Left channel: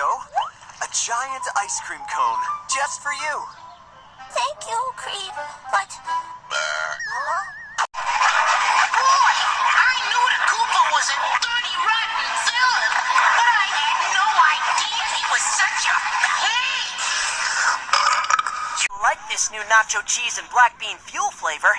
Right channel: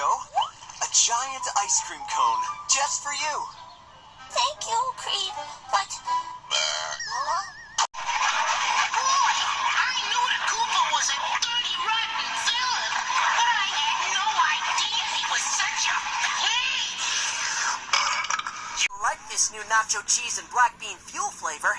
go. A giant ice cream cone, just for you. Thank you, Cream, but... Boy, I knew the Koopa was a dirty, rotten villain, but I had no idea he was such a pain. You like this new nacho cheese and black bean fuel flavor?